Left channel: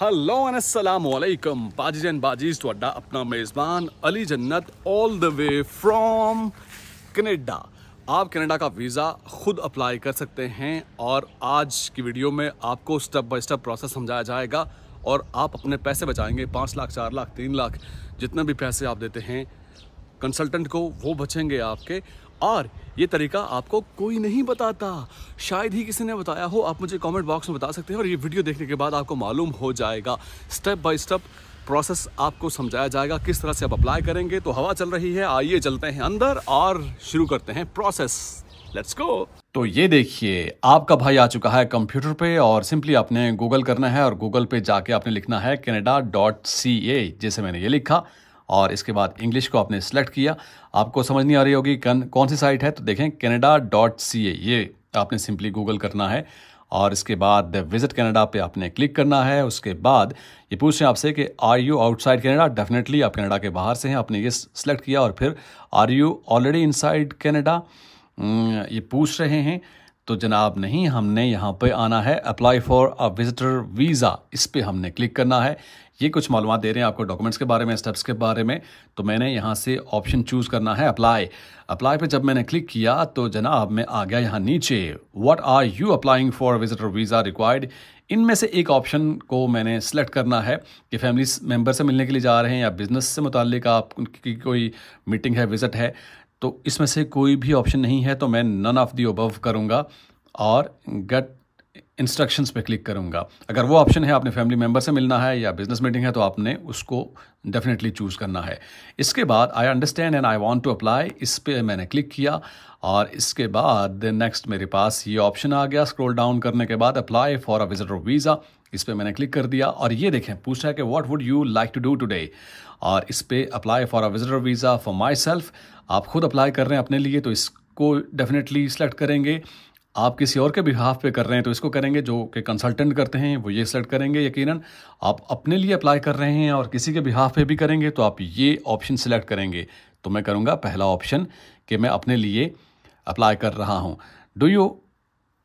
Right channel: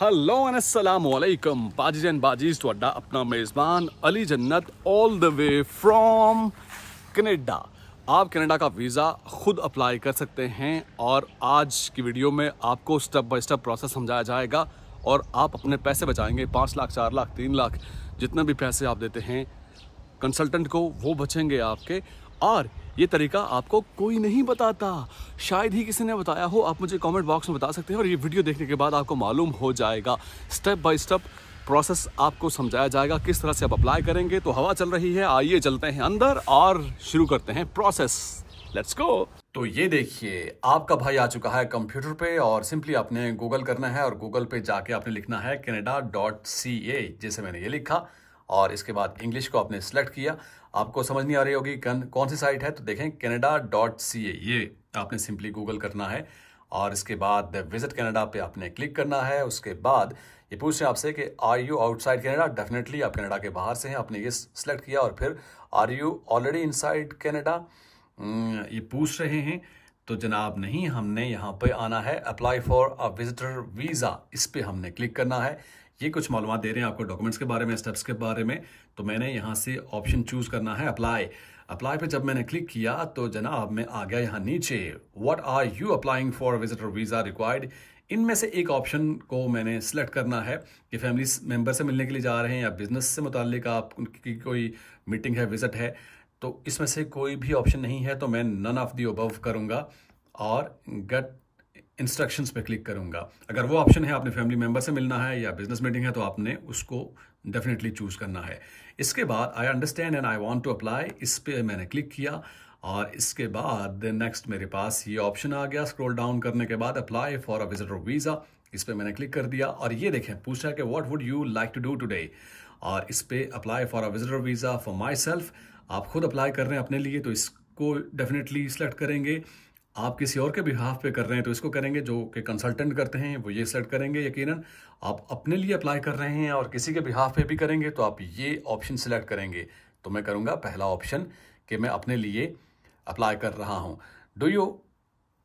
Hello and अस्सलाम वालेकुम बाजीज and बाजीज ਤੁਹਾਡਾ अपना मेज़बान अली जन्नत all the way from Canada. आप कनाडा का वीज़ा खुद अप्लाई कर सकते हैं और आज की वीडियो में आपको स्टेप बाय स्टेप प्रोसेस समझाया जाएगा और आप अपने पैसे बचाएंगे। 5 लाख 4 लाख 3 लाख जितने भी पैसे आप देते हैं कंसल्टेंट को वो बचेंगे आपके। और ये तरीका आपको कोई नहीं बताता, शायद ही किसी ने बताया हो। आप मुझे कमेंट बॉक्स में बता सकते हैं और ये वीडियो देखने के बाद आपको मालूम हो जाएगा। स्टेप बाय स्टेप प्रोसेस आपको समझाया जाएगा किस तरह से आप अप्लाई करेंगे। तो हवा चल रही है, आइए चलते हैं अंदर और शुरू करते हैं प्रोसेस। Let's go. तो ये देखिए आपका भाई आ चुका है कंप्यूटर पे और सिंपली आपने गूगल करना है और गूगल पे जाके आपने लिखना है canada.ca, जैसे मैंने ये लिखा और इसके बाद इंग्लिश को आपने सेलेक्ट किया। आपको समझ नहीं आ रही होगी कौन सी साइट है, तो देखें canada.ca, ये आपने सिंपली गूगल करना है और इसके बाद विजिट कनाडा पे आपने क्लिक करना है। उसके बाद ये पूछ रहे हैं आपसे कि are you outside Canada. Definitely आप कनाडा के बाहर से हैं, आपने ये सेलेक्ट किया। और फिर are you already inside Canada, ये पूछ रहे हैं। तो जनाब नहीं, हमने यहाँ पे आना है apply for a visitor visa, इस पे हमने क्लिक करना है। ये कुछ मालूमात दे रहे हैं आपको डॉक्यूमेंट्स के बारे में, स्टेप्स के बारे में। तो मैंने यहाँ से ऑप्शन चूज़ करना है अप्लाई। अप्लाई पे जब मैंने क्लिक किया तो जनाब मैं आ गया यहाँ नीचे, what are you applying for visitor visa required. इनमें से एक ऑप्शन को मैंने सेलेक्ट करना है कि फैमिली मेम्बर से मिलने के लिए जा रहे हैं या बिजनेस से मुताल्लिक आपकी कोई मीटिंग है, विजिट है। तो इसमें से कोई भी ऑप्शन नहीं है, तो मैं नन ऑफ दी अबव करूँगा और गेट इंस्ट्रक्शंस पे क्लिक करूंगा। अगर वो ऑप्शन है आपने फैमिली मेंबर से मिलना है या बिजनेस मीटिंग है तो आपने उसको डेफिनेटली चूज़ करना है। इसके बाद I understand and I want to apply, इस पे मैंने क्लिक किया और इसके बाद नेक्स्ट मेरे पास ये ऑप्शन आ गया। स्क्रॉल डाउन करने के बाद apply for a visitor visa, इस पे मैंने क्लिक कर दिया और ये देखें पूछ रहा है कि what would you like to do today, और इस पे apply for a visitor visa for myself. आप खुद अप्लाई कर रहे हैं अपने लिए तो इसको डेफिनेटली सेलेक्ट करेंगे। आप किसी और के बिहाफ पे कर रहे हैं तो इसको करेंगे, जो कि कंसल्टेंट करते हैं वो ये सेलेक्ट करेंगे। यकीनन आप अपने लिए अप्लाई कर रहे हैं और किसी के बिहाफ पे भी करेंगे तो आप ये ऑप्शन सेलेक्ट करेंगे। तो मैं करूँगा पहला ऑप्शन कि मैं अपने लिए अप्लाई कर रहा हूँ। Do you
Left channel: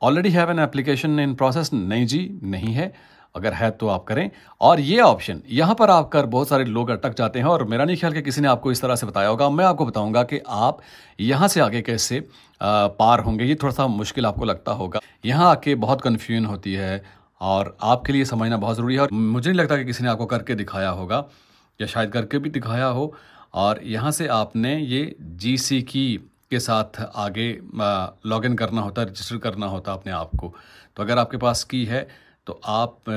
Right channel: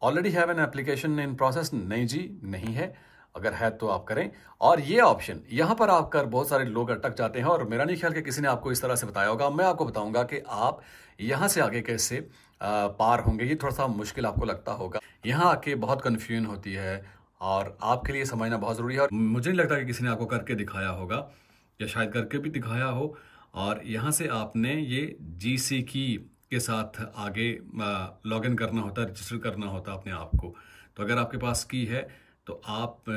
already have an application in process? नहीं जी, नहीं है। अगर है तो आप करें। और ये ऑप्शन यहाँ पर आकर बहुत सारे लोग अटक जाते हैं और मेरा नहीं ख्याल कि किसी ने आपको इस तरह से बताया होगा। मैं आपको बताऊंगा कि आप यहाँ से आगे कैसे पार होंगे। ये थोड़ा सा मुश्किल आपको लगता होगा, यहाँ आके बहुत कन्फ्यूजन होती है और आपके लिए समझना बहुत ज़रूरी है। और मुझे नहीं लगता कि किसी ने आपको करके दिखाया होगा या शायद करके भी दिखाया हो। और यहाँ से आपने ये GC की के साथ आगे लॉग इन करना होता है, रजिस्टर करना होता है अपने आप को। तो अगर आपके पास की है तो आप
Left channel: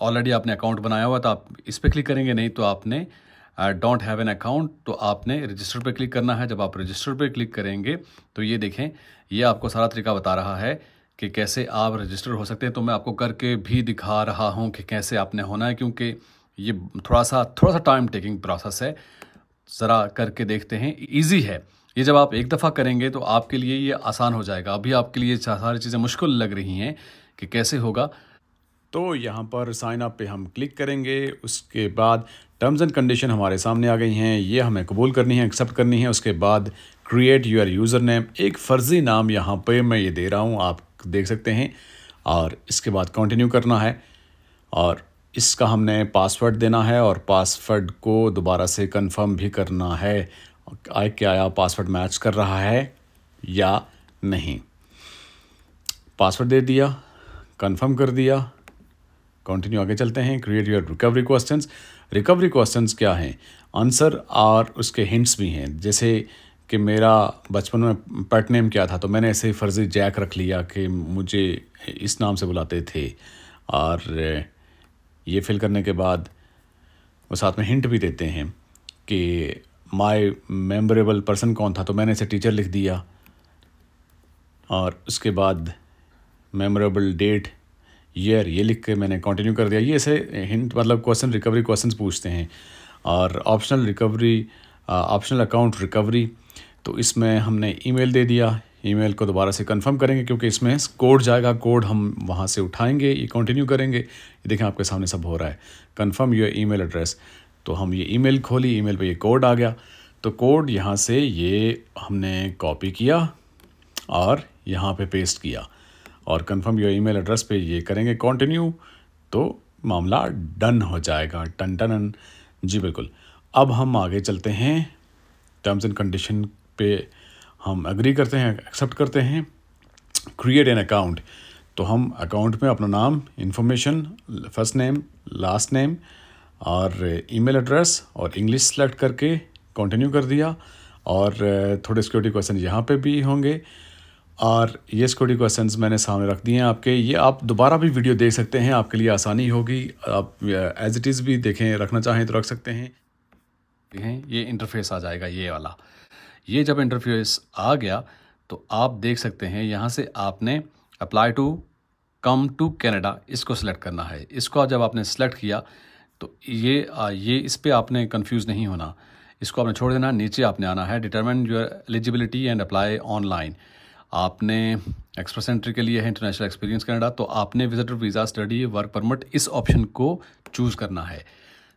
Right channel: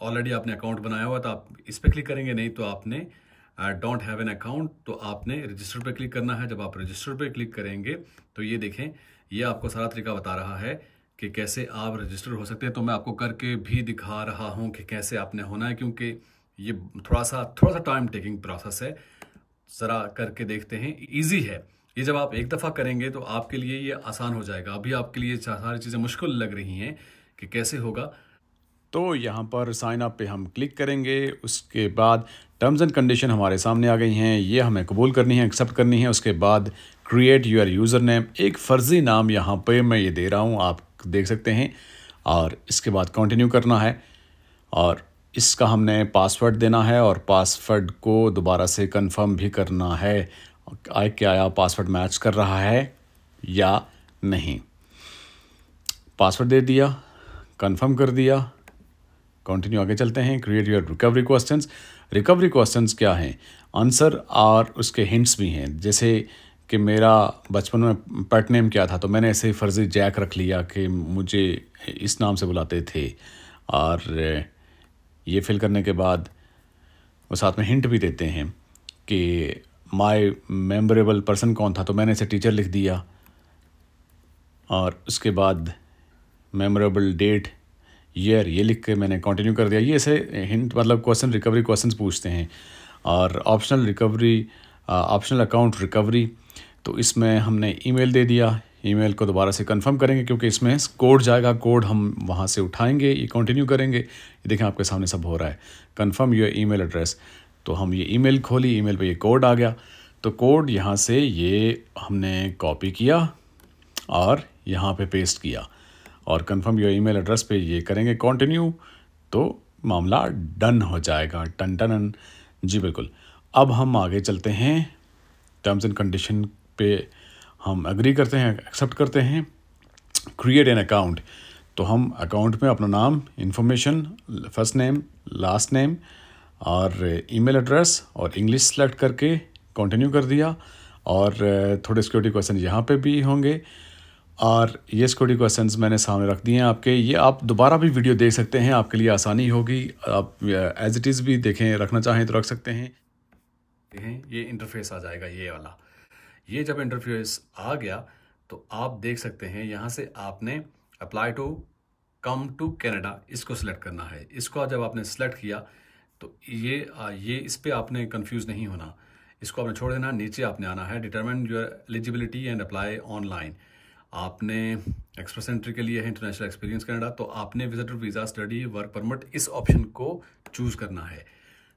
ऑलरेडी आपने अकाउंट बनाया हुआ तो आप इस पर क्लिक करेंगे, नहीं तो आपने डोंट हैव एन अकाउंट तो आपने रजिस्टर पे क्लिक करना है। जब आप रजिस्टर पे क्लिक करेंगे तो ये देखें, ये आपको सारा तरीका बता रहा है कि कैसे आप रजिस्टर हो सकते हैं। तो मैं आपको करके भी दिखा रहा हूँ कि कैसे आपने होना है, क्योंकि ये थोड़ा सा टाइम टेकिंग प्रोसेस है। ज़रा करके देखते हैं, ईजी है ये। जब आप एक दफ़ा करेंगे तो आपके लिए ये आसान हो जाएगा। अभी आपके लिए सारी चीज़ें मुश्किल लग रही हैं कि कैसे होगा। तो यहाँ पर साइन अप पे हम क्लिक करेंगे। उसके बाद टर्म्स एंड कंडीशन हमारे सामने आ गई हैं, ये हमें कबूल करनी है, एक्सेप्ट करनी है। उसके बाद क्रिएट यूर यूज़र नेम, एक फ़र्ज़ी नाम यहाँ पे मैं ये दे रहा हूँ, आप देख सकते हैं। और इसके बाद कंटिन्यू करना है और इसका हमने पासवर्ड देना है और पासवर्ड को दोबारा से कंफर्म भी करना है क्या पासवर्ड मैच कर रहा है या नहीं। पासवर्ड दे दिया, कंफर्म कर दिया, कंटिन्यू आगे चलते हैं। Create your recovery questions. Recovery questions क्या हैं? आंसर और उसके हिंट्स भी हैं। जैसे कि मेरा बचपन में पेट नेम क्या था, तो मैंने ऐसे फ़र्ज़ी जैक रख लिया कि मुझे इस नाम से बुलाते थे। और ये फिल करने के बाद वो साथ में हिंट भी देते हैं कि माय मेमोरेबल पर्सन कौन था, तो मैंने इसे टीचर लिख दिया। और उसके बाद मेमोरेबल डेट, ईयर, ये लिख के मैंने कंटिन्यू कर दिया। ये ऐसे हिंट मतलब क्वेश्चन रिकवरी क्वेश्चंस पूछते हैं। और optional recovery, optional account recovery, तो इसमें हमने ईमेल दे दिया। ईमेल को दोबारा से कंफर्म करेंगे क्योंकि इसमें कोड जाएगा, कोड हम वहाँ से उठाएंगे। ये कंटिन्यू करेंगे। ये देखें आपके सामने सब हो रहा है। कंफर्म योर ईमेल एड्रेस, तो हम ये ईमेल खोली, ईमेल पे ये कोड आ गया। तो कोड यहाँ से ये हमने कॉपी किया और यहाँ पे पेस्ट किया और कंफर्म योर ईमेल एड्रेस पे ये करेंगे कंटिन्यू। तो मामला डन हो जाएगा। Ton ton. जी बिल्कुल। अब हम आगे चलते हैं, टर्म्स एंड कंडीशन पे हम एग्री करते हैं, एक्सेप्ट करते हैं। क्रिएट एन अकाउंट, तो हम अकाउंट में अपना नाम, information, first name, last name और ईमेल एड्रेस और इंग्लिश सेलेक्ट करके कंटिन्यू कर दिया। और थोड़े सिक्योरिटी क्वेश्चन यहाँ पे भी होंगे और ये सिक्योरिटी क्वेश्चंस मैंने सामने रख दिए हैं आपके। ये आप दोबारा भी वीडियो देख सकते हैं, आपके लिए आसानी होगी। आप एज इट इज़ भी देखें, रखना चाहें तो रख सकते हैं। ये इंटरफेस आ जाएगा, ये वाला। ये जब इंटरफेस आ गया तो आप देख सकते हैं यहाँ से आपने apply to come to Canada इसको सिलेक्ट करना है। इसको जब आपने सेलेक्ट किया तो ये इस पर आपने कंफ्यूज नहीं होना, इसको आपने छोड़ देना। नीचे आपने आना है determine your eligibility and apply online. आपने एक्सप्रेस एंट्री के लिए है इंटरनेशनल एक्सपीरियंस कनाडा, तो आपने visitor visa, study, work permit इस ऑप्शन को चूज़ करना है।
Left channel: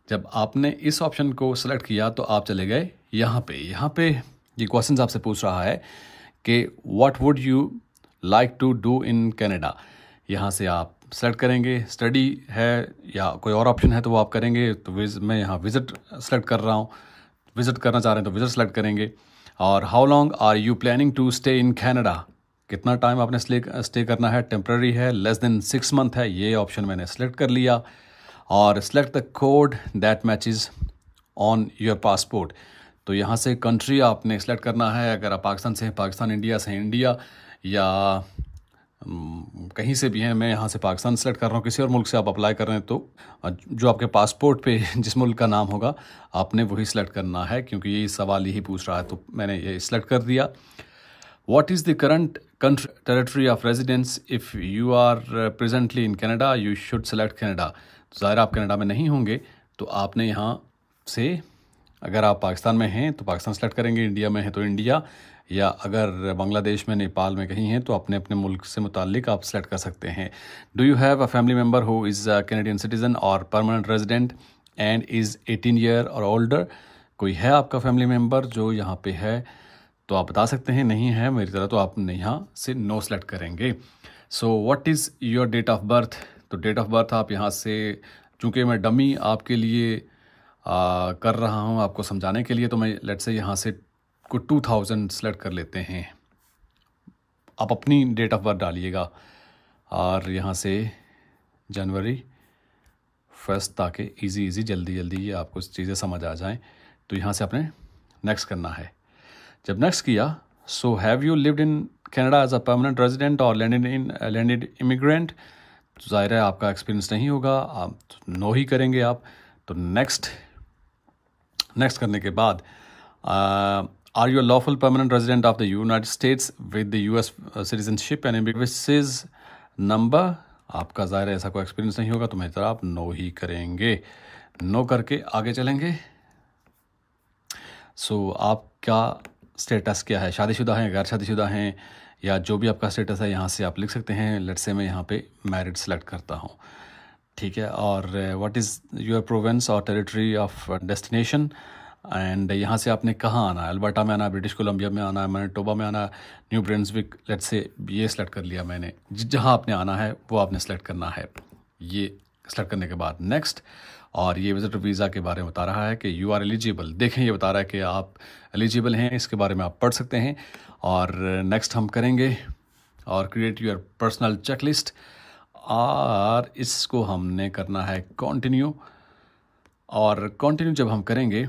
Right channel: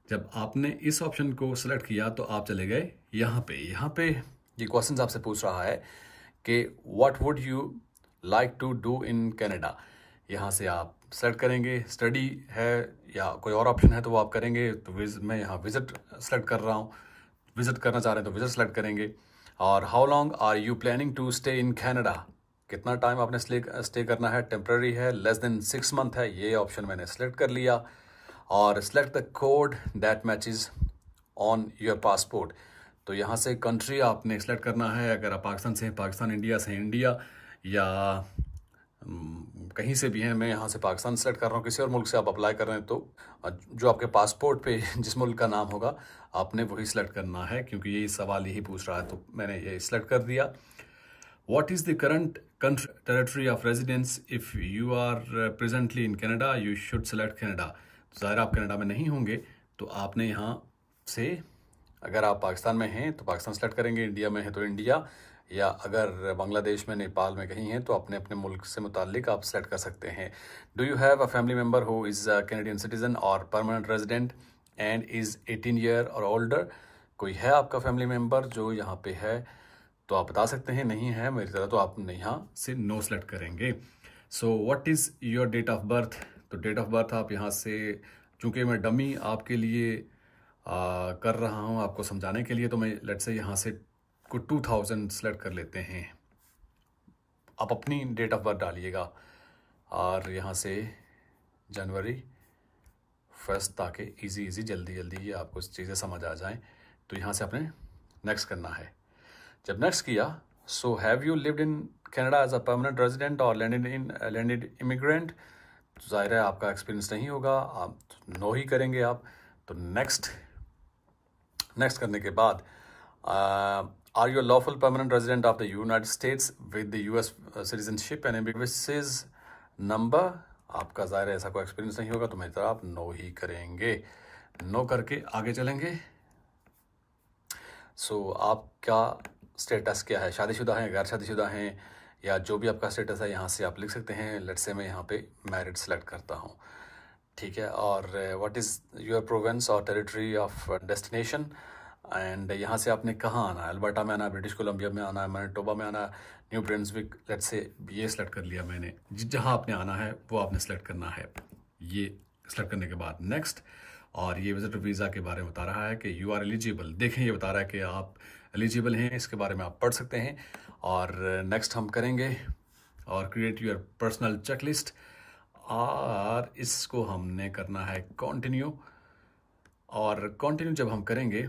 जब आपने इस ऑप्शन को सिलेक्ट किया तो आप चले गए यहाँ पे ये क्वेश्चन आपसे पूछ रहा है कि what would you like to do in Canada. यहाँ से आप सेलेक्ट करेंगे, स्टडी है या कोई और ऑप्शन है तो वो आप करेंगे। तो मैं यहाँ विजिट सेलेक्ट कर रहा हूँ, विजिट करना चाह रहे हैं तो विजिट सेलेक्ट करेंगे। और how long are you planning to stay in Canada, कितना टाइम आपने स्टे करना है, टेम्प्रेरी है, लेस देन 6 मंथ है, ये ऑप्शन मैंने सेलेक्ट कर लिया। और select the code that matches on your passport, तो यहाँ से कंट्री आपने सेलेक्ट करना है। अगर आप पाकिस्तान से हैं पाकिस्तान, इंडिया से हैं इंडिया, या कहीं से भी हैं। मैं यहाँ से पाकिस्तान सेलेक्ट कर रहा हूँ, किसी और मुल्क से आप अप्लाई कर रहे हैं तो जो आपके पासपोर्ट पे जिस मुल्क का नाम होगा आपने वही सिलेक्ट करना है, क्योंकि ये सवाल यही पूछ रहा है। तो मैंने ये सिलेक्ट कर दिया। What is the current country territory of residence if you are presently in Canada, you should select Canada. तो ज़ाहिर आप कनाडा में नहीं होंगे तो आपने यहाँ से, अगर आप पाकिस्तान में हैं तो पाकिस्तान सेलेक्ट करेंगे, इंडिया में हैं तो इंडिया, या अगर बांग्लादेश में, नेपाल में कहीं हैं तो अपने अपने मुल्क से मुताल्लिक आप सेलेक्ट कर सकते हैं। Do you have a family member who is a Canadian citizen और permanent resident and is 18 year और ओल्डर, कोई है आपका फैमिली मेम्बर जो यहाँ पे है तो आप बता सकते हैं। नहीं है मेरी तरह तो आप यहाँ से नो सेलेक्ट करेंगे। So what is your date of birth, तो डेट ऑफ बर्थ आप यहाँ से, चूँकि मैं डमी आपके लिए कर रहा हूँ आपको समझाने के लिए, तो मैं लेट से यहाँ से को 2000 सेलेक्ट कर लेते हैं। आप अपनी डेट ऑफ बर्थ डालिएगा और यहाँ से जनवरी 1 ताकि इजी जल्दी आपको चीज़ें समझ आ जाएं। तो यहाँ से आपने नेक्स्ट करना है। जब नेक्स्ट किया, so have you lived in Canada as a permanent resident और लैंडेड इमिग्रेंट, तो ज़ाहिर है आपका एक्सपीरियंस नहीं होगा, आप नो ही करेंगे आप। तो नेक्स्ट करने के बाद are you lawful permanent resident of the United States with the US citizenship and services number, आपका ज़ाहिर है ऐसा कोई एक्सपीरियंस नहीं होगा तो मेरी तरह आप नो ही करेंगे। नो करके आगे चलेंगे। सो आपका स्टेटस क्या है, शादीशुदा हैं, गैर शादीशुदा हैं, या जो भी आपका स्टेटस है यहाँ से आप लिख सकते हैं। लेट्स से मैं यहाँ पे मैरिड सेलेक्ट करता हूँ, ठीक है। और व्हाट इज़ योर प्रोविंस और टेरिटरी ऑफ डेस्टिनेशन, एंड यहाँ से आपने कहाँ आना है, अल्बर्टा में आना है, ब्रिटिश कोलंबिया में आना है, मैनिटोबा में आना है, न्यू ब्रंसविक, लेट्स से ये सेलेक्ट कर लिया मैंने। जहाँ आपने आना है वो आपने सेलेक्ट करना है। ये सेलेक्ट करने के बाद नेक्स्ट, और ये विजिटर वीज़ा के बारे में बता रहा है कि यू आर एलिजिबल। देखें ये बता रहा है कि आप एलिजिबल हैं, इसके बारे में आप पढ़ सकते हैं। और नेक्स्ट हम करेंगे और क्रिएट योर पर्सनल चेकलिस्ट, और इसको हमने करना है कंटिन्यू। और कंटिन्यू जब हम करेंगे,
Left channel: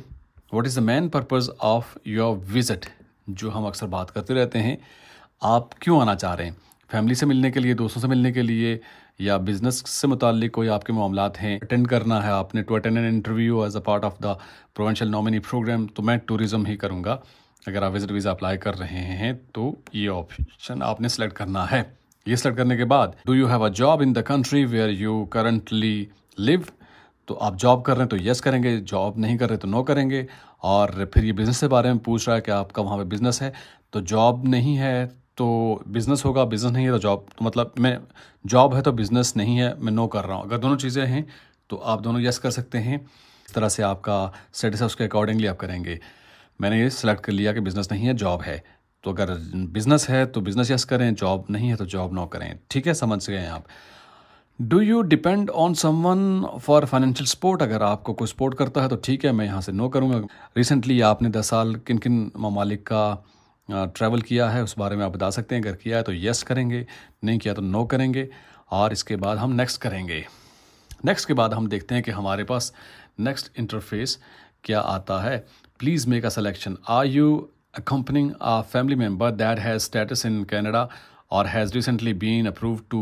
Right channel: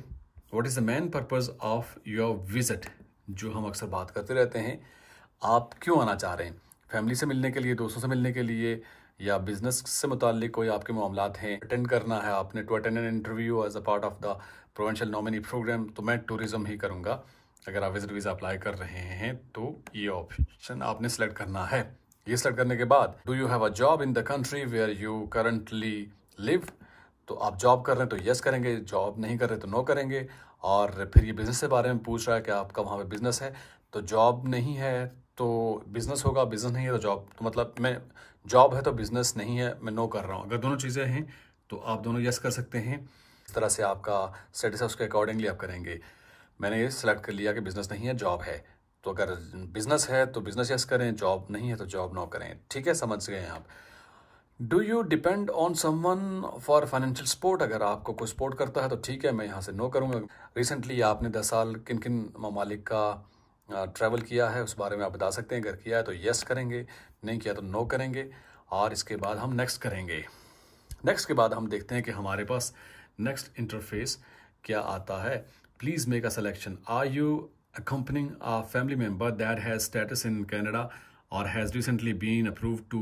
what is the main purpose of your visit, जो हम अक्सर बात करते रहते हैं, आप क्यों आना चाह रहे हैं, फैमिली से मिलने के लिए, दोस्तों से मिलने के लिए, या बिजनेस से मुताल्लिक कोई आपके मामलात हैं, अटेंड करना है आपने, to attend an interview as a part of the provincial nominee programme, तो मैं टूरिज़्म ही करूँगा। अगर आप विजिट वीज़ा अप्लाई कर रहे हैं तो ये ऑप्शन आपने सेलेक्ट करना है। ये सेलेक्ट करने के बाद, do you have a job in the country where you currently live, तो आप जॉब कर रहे हैं तो यस करेंगे, जॉब नहीं कर रहे तो नो करेंगे। और फिर ये बिज़नेस के बारे में पूछ रहा है कि आपका वहाँ पे बिज़नेस है, तो जॉब नहीं है तो बिज़नेस होगा, बिज़नेस नहीं है तो जॉब, तो मतलब मैं जॉब है तो बिज़नेस नहीं है, मैं नो कर रहा हूँ। अगर दोनों चीज़ें हैं तो आप दोनों यस कर सकते हैं। इस तरह से आपका स्टेटस है उसके अकॉर्डिंगली आप करेंगे। मैंने ये सिलेक्ट कर लिया कि बिज़नेस नहीं है, जॉब है, तो अगर बिज़नेस है तो बिज़नेस यस करें, जॉब नहीं है तो जॉब नो करें, ठीक है, समझ गए आप। Do you depend on someone for financial support? अगर आपको कोई सपोर्ट करता है तो ठीक है, मैं यहाँ से नो करूँगा। रिसेंटली आपने 10 साल किन किन ममालिक का ट्रैवल किया है उस बारे में आप बता सकते हैं। अगर किया है तो येस करेंगे, नहीं किया तो नो करेंगे। और इसके बाद हम नेक्स्ट करेंगे। नेक्स्ट के बाद हम देखते हैं कि हमारे पास नेक्स्ट इंटरफेस क्या आता है। Please make a selection. Are you accompanying a family member that has status in Canada or has recently been approved to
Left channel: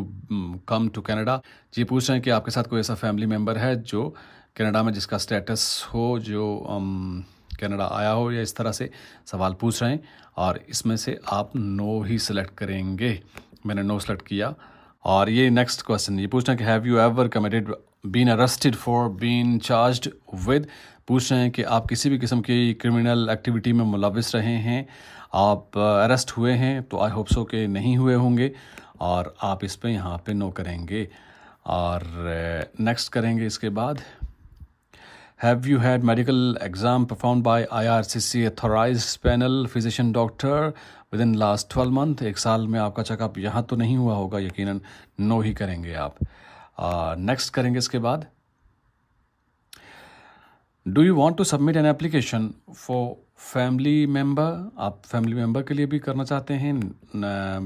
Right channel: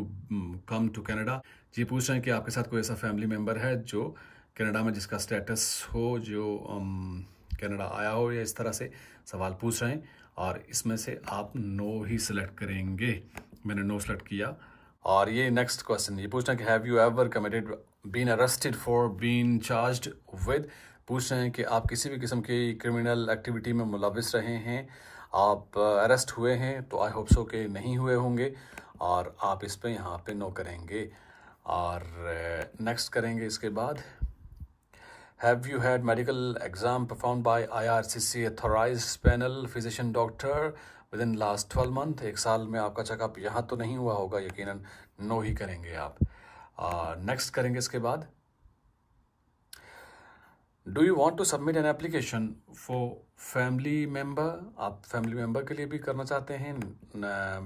come to Canada? ये पूछ रहे हैं कि आपके साथ कोई ऐसा फैमिली मेम्बर है जो कनाडा में जिसका स्टेटस हो, जो कनाडा आया हो, या इस तरह से सवाल पूछ रहे हैं। और इसमें से आप नो ही सिलेक्ट करेंगे। मैंने नो सेलेक्ट किया। और ये नेक्स्ट क्वेश्चन ये पूछ रहे हैं कि have you ever committed been arrested for been charged with? पूछ रहे हैं कि आप किसी भी किस्म की क्रिमिनल एक्टिविटी में मुलविस रहे हैं, आप अरेस्ट हुए हैं? तो आई होप सो कि नहीं हुए होंगे और आप इस पे यहाँ पे नो करेंगे। और नेक्स्ट करेंगे इसके बाद। Have you had medical exam perform by IRCC authorised panel physician doctor with in last 12 month? 1 साल में आपका चेकअप यहाँ तो नहीं हुआ होगा, यकीनन नो ही करेंगे आप। नेक्स्ट करेंगे इसके बाद। Do you want to submit an application for family member? आप फैमिली मेम्बर के लिए भी करना चाहते हैं।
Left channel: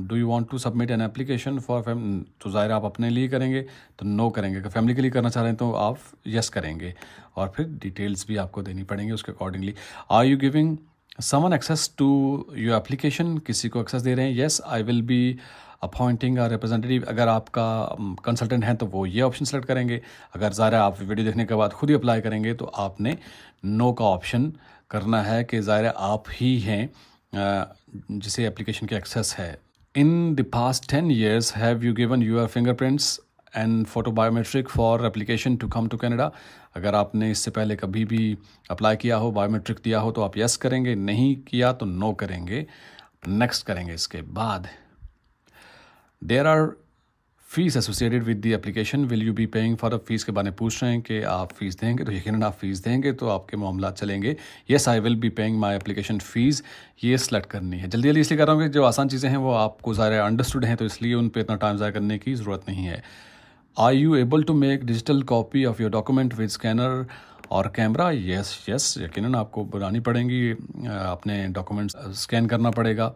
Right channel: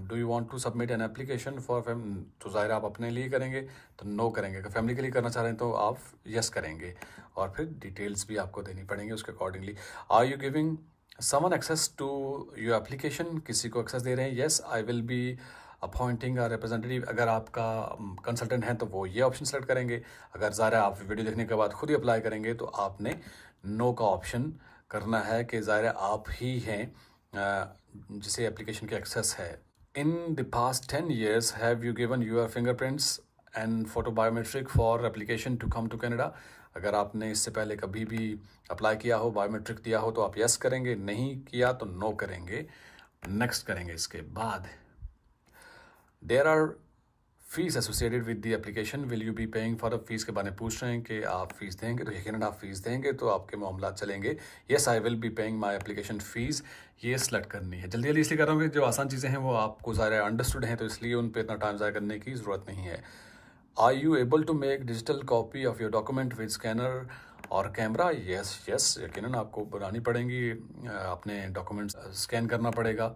Do you want to submit an application for family, तो ज़ाहिर आप अपने लिए करेंगे तो नो करेंगे। अगर फैमिली के लिए करना चाह रहे हैं तो आप यस करेंगे। और फिर डिटेल्स भी आपको देनी पड़ेंगी उसके accordingly. Are you giving someone access to your application? किसी को एक्सेस दे रहे हैं? Yes I will be appointing a representative. अगर आपका कंसल्टेंट है तो वो ये ऑप्शन सेलेक्ट करेंगे। अगर ज़ाहिर आप वीडियो देखने के बाद खुद ही अप्लाई करेंगे तो आपने नो का ऑप्शन करना है कि ज़ाहिर आप ही हैं जिसे एप्लीकेशन की एक्सेस है। In the past 10 years have you given your fingerprints and photo biometric for application to come to Canada? अगर आपने इससे पहले कभी भी अप्लाई किया हो, बायोमेट्रिक दिया हो, तो आप यस करेंगे, नहीं किया तो नो करेंगे। नेक्स्ट करेंगे इसके बाद। There are fees associated with the application, will you be paying for a fee? के बारे में पूछ रहे हैं कि आप फीस देंगे, तो यकीनन आप फीस देंगे तो आपके मामला चलेंगे। Yes I will be paying my application fees, ये सेलेक्ट करनी है। जल्दी जल्दी इसलिए कर रहा हूँ कि जो आसान चीज़ें हैं वो आपको ज़्यादा अंडरस्टूड हैं, तो इसलिए उन पर इतना टाइम ज़ाया करने की ज़रूरत नहीं है। Are you able to make digital copy of your document with scanner और कैमरा? यस यस, यकीनन आपको बनानी पड़ेंगी, अपने डॉक्यूमेंट्स स्कैन करना पड़ेगा।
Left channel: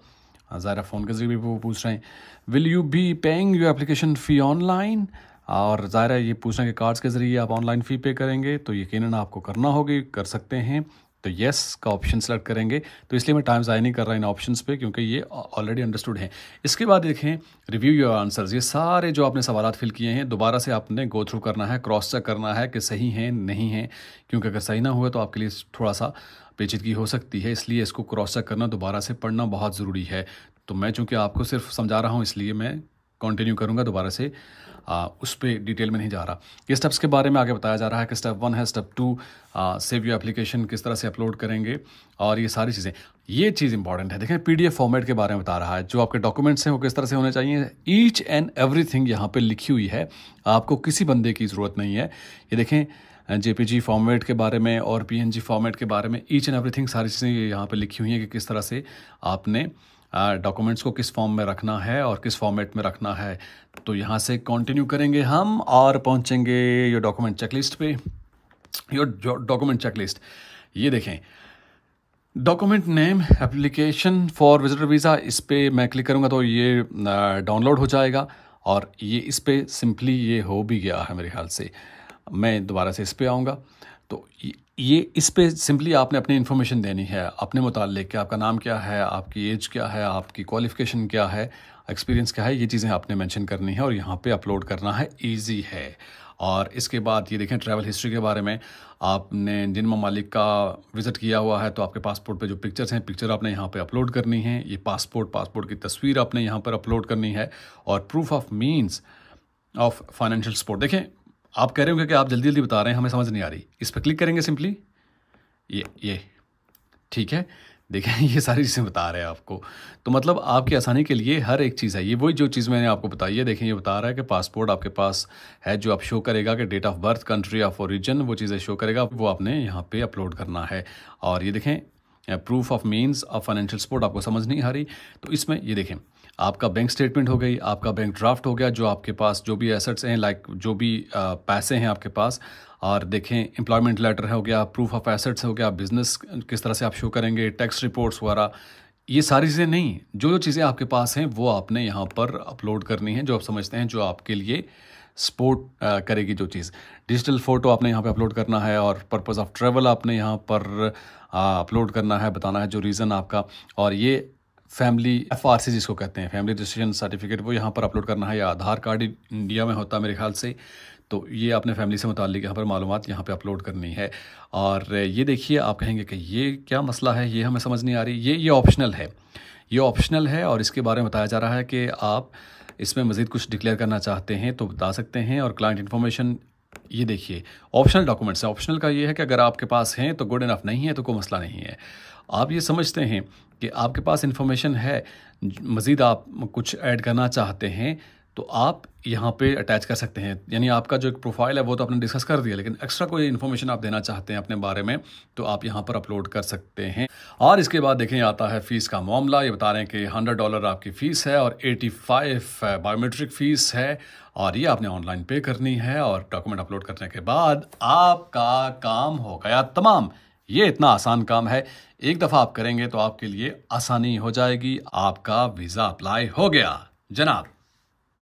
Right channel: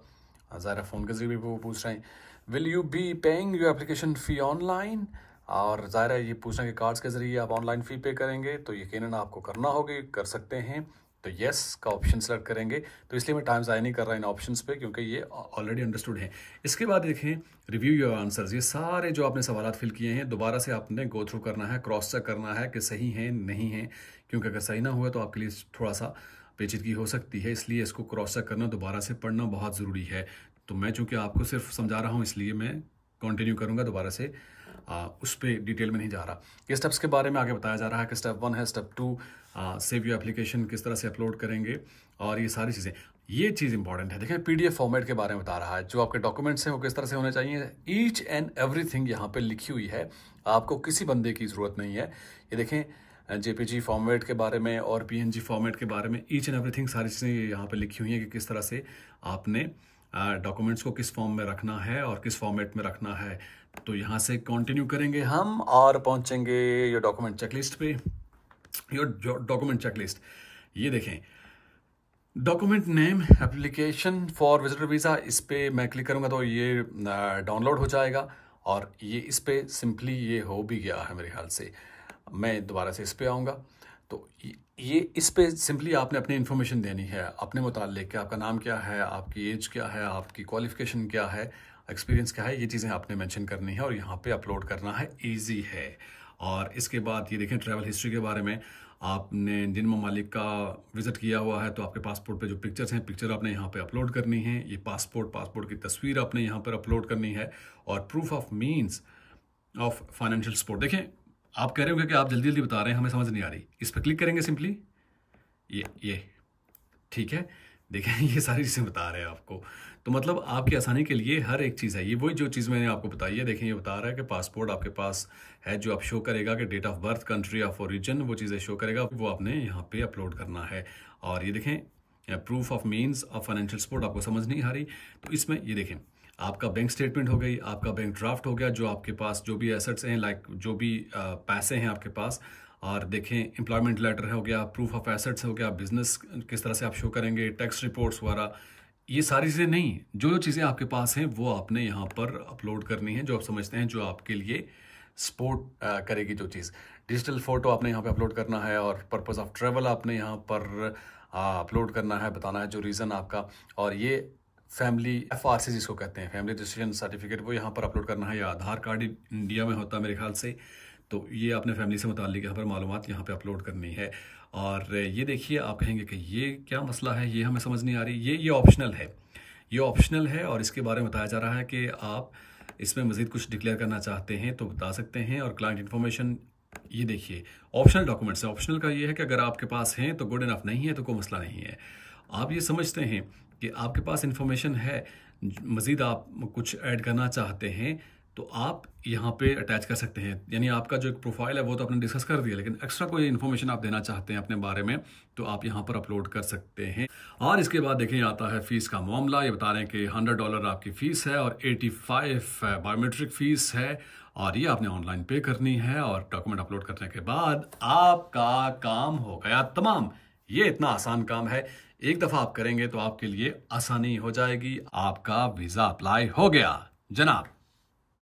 ज़ाहिर फ़ोन के जरिए भी वो पूछ रहे हैं। Will you be paying your application fee online? और ज़ाहिर है ये पूछ रहे हैं कि कार्ड्स के ज़रिए आप ऑनलाइन फ़ी पे करेंगे, तो यकीनन आपको करना होगी, कर सकते हैं। तो येस का ऑप्शन सेलेक्ट करेंगे। तो इसलिए मैं टाइम ज़ाया नहीं कर रहा इन ऑप्शंस पे, क्योंकि ये ऑलरेडी अंडरस्टूड है। इसके बाद देखें रिव्यू योर आंसर्स। ये सारे जो आपने सवालात फिल किए हैं दोबारा से आपने गो थ्रू करना है, क्रॉस चेक करना है कि सही हैं नहीं हैं, क्योंकि अगर सही ना हुए तो आपके लिए थोड़ा सा पेचीदगी हो सकती है। इसलिए इसको क्रॉस चेक करना, दोबारा से पढ़ना बहुत ज़रूरी है। तो मैं चूँकि आपको सिर्फ समझा रहा हूँ इसलिए मैं कंटिन्यू करूँगा, दोबारा से उस पर डिटेल में नहीं जा रहा। ये स्टेप्स के बारे में आगे बताया जा रहा है कि स्टेप 1 है, स्टेप 2 सेव योर एप्लीकेशन किस तरह से अपलोड करेंगे, और ये सारी चीज़ें। ये चीज़ इंपॉर्टेंट है, देखें PDF फॉर्मेट के बारे में बता रहा है। जो आपके डॉक्यूमेंट्स हैं वो किस तरह से होने चाहिए, ईच एंड एवरीथिंग यहाँ पे लिखी हुई है। आपको किसी बंदे की ज़रूरत नहीं है। ये देखें JPG फॉर्मेट के बारे में और PNG फॉर्मेट के बारे में ईच एंड एवरीथिंग सारी चीज़ें यहाँ पे लिखी हुई हैं कि किस तरह से आपने डॉक्यूमेंट्स को किस फॉर्म में रखना है और किस फॉर्मेट में रखना है। तो यहाँ से कंटिन्यू करेंगे हम और पहुँचेंगे योर डॉक्यूमेंट चेकलिस्ट पे। योर डॉक्यूमेंट चेकलिस्ट ये देखें, document name application for visitor visa, इस पर मैं क्लिक करूँगा तो ये डाउनलोड हो जाएगा। और ये इस पर सिंपली ये हो भी गया है मेरे ख्याल से। मैं दोबारा से इस पर आऊँगा तो ये इस पे सिंपली आपने अपनी इन्फॉर्मेशन देनी है अपने मुताल्लिक कि आपका नाम क्या है, आपकी एज क्या है, आपकी क्वालिफिकेशन क्या है, एक्सपीरियंस क्या है, ये चीज़ें आपने मेंशन करनी है और यहाँ पे अपलोड करना है। इजी है। और इसके बाद ये देखें ट्रैवल हिस्ट्री के बारे में, आपने जिन ममालिक का विज़िट किया हुआ है तो आपके पासपोर्ट पे जो पिक्चर्स हैं, पिक्चर आपने यहाँ पे अपलोड करनी है। ये पासपोर्ट की तस्वीर आपने यहाँ पर अपलोड करनी है। और proof of means of financial support. देखें आप कह रहे होंगे कि आप जल्दी जल्दी बता रहे हैं, हमें समझ नहीं आ रही। इस पर क्लिक करेंगे सिंपली, ये ठीक है। देखें ये सारी चीज़ें बता रहे हैं आपको, तो मतलब आपकी आसानी के लिए हर एक चीज़ है। ये वही जो चीज़ मैंने आपको बताई है। देखें ये बता रहा है कि पासपोर्ट आपके पास है, जो आप शो करेगा कि date of birth, country of origin, वो चीज़ें शो करेगा, वो आपने यहाँ पे अपलोड करना है। और ये देखें proof of means of financial support, आपको समझ नहीं आ रही तो इसमें ये देखें आपका बैंक स्टेटमेंट हो गई, आपका बैंक ड्राफ्ट हो गया, जो आपके पास जो भी एसेट्स हैं, लाइक जो भी पैसे हैं आपके पास, और देखें एम्प्लॉयमेंट लेटर हो गया, प्रूफ ऑफ एसेट्स हो गया, बिजनेस किस तरह से आप शो करेंगे, टैक्स रिपोर्ट्स वगैरह, ये सारी चीज़ें नहीं, जो जो चीज़ें आपके पास हैं वो आपने यहाँ पर अपलोड करनी है, जो आप समझते हैं जो आपके लिए सपोर्ट करेगी जो चीज़। डिजिटल फ़ोटो आपने यहाँ पे अपलोड करना है, और पर्पस ऑफ ट्रैवल आपने यहाँ पर अपलोड करना है, बताना है जो रीज़न आपका, और ये फैमिली FRC जिसको कहते हैं, फैमिली रजिस्ट्रेशन सर्टिफिकेट, वो यहाँ पर अपलोड करना है, या आधार कार्ड इंडिया में होता है मेरे ख्याल से, तो ये आपने फैमिली से मुताल्लिक यहाँ पर मालूमात यहाँ पे अपलोड करनी है। और ये देखिए, आप कहेंगे कि ये क्या मसला है, ये हमें समझ नहीं आ रही, ये ऑप्शनल है, ये ऑप्शनल है, और इसके बारे में बताया जा रहा है कि आप इसमें मज़ीद कुछ डिक्लेयर करना चाहते हैं तो बता सकते हैं। और क्लाइंट इन्फॉर्मेशन, ये देखिए ऑप्शनल डॉक्यूमेंट्स है। ऑप्शनल का ये है कि अगर आपके पास हैं तो गुड इनफ, नहीं है तो कोई मसला नहीं है। आप ये समझते हैं कि आपके पास इन्फॉर्मेशन है, मज़ीद आप कुछ ऐड करना चाहते हैं, तो आप यहाँ पे अटैच कर सकते हैं। यानी आपका जो एक प्रोफाइल है वो तो आपने डिस्कस कर दिया, लेकिन एक्स्ट्रा कोई इन्फॉर्मेशन आप देना चाहते हैं अपने बारे में, तो आप यहाँ पर अपलोड कर सकते हैं। और इसके बाद देखें आता है फ़ीस का मामला। ये बता रहे हैं कि $100 आपकी फ़ीस है और 85 बायोमेट्रिक फ़ीस है, और ये आपने ऑनलाइन पे करनी है, और डॉक्यूमेंट अपलोड करने के बाद आपका काम हो गया तमाम। ये इतना आसान काम है, एक दफ़ा आप करेंगे तो आपके लिए आसानी हो जाएगी, आपका वीज़ा अप्लाई हो गया जनाब।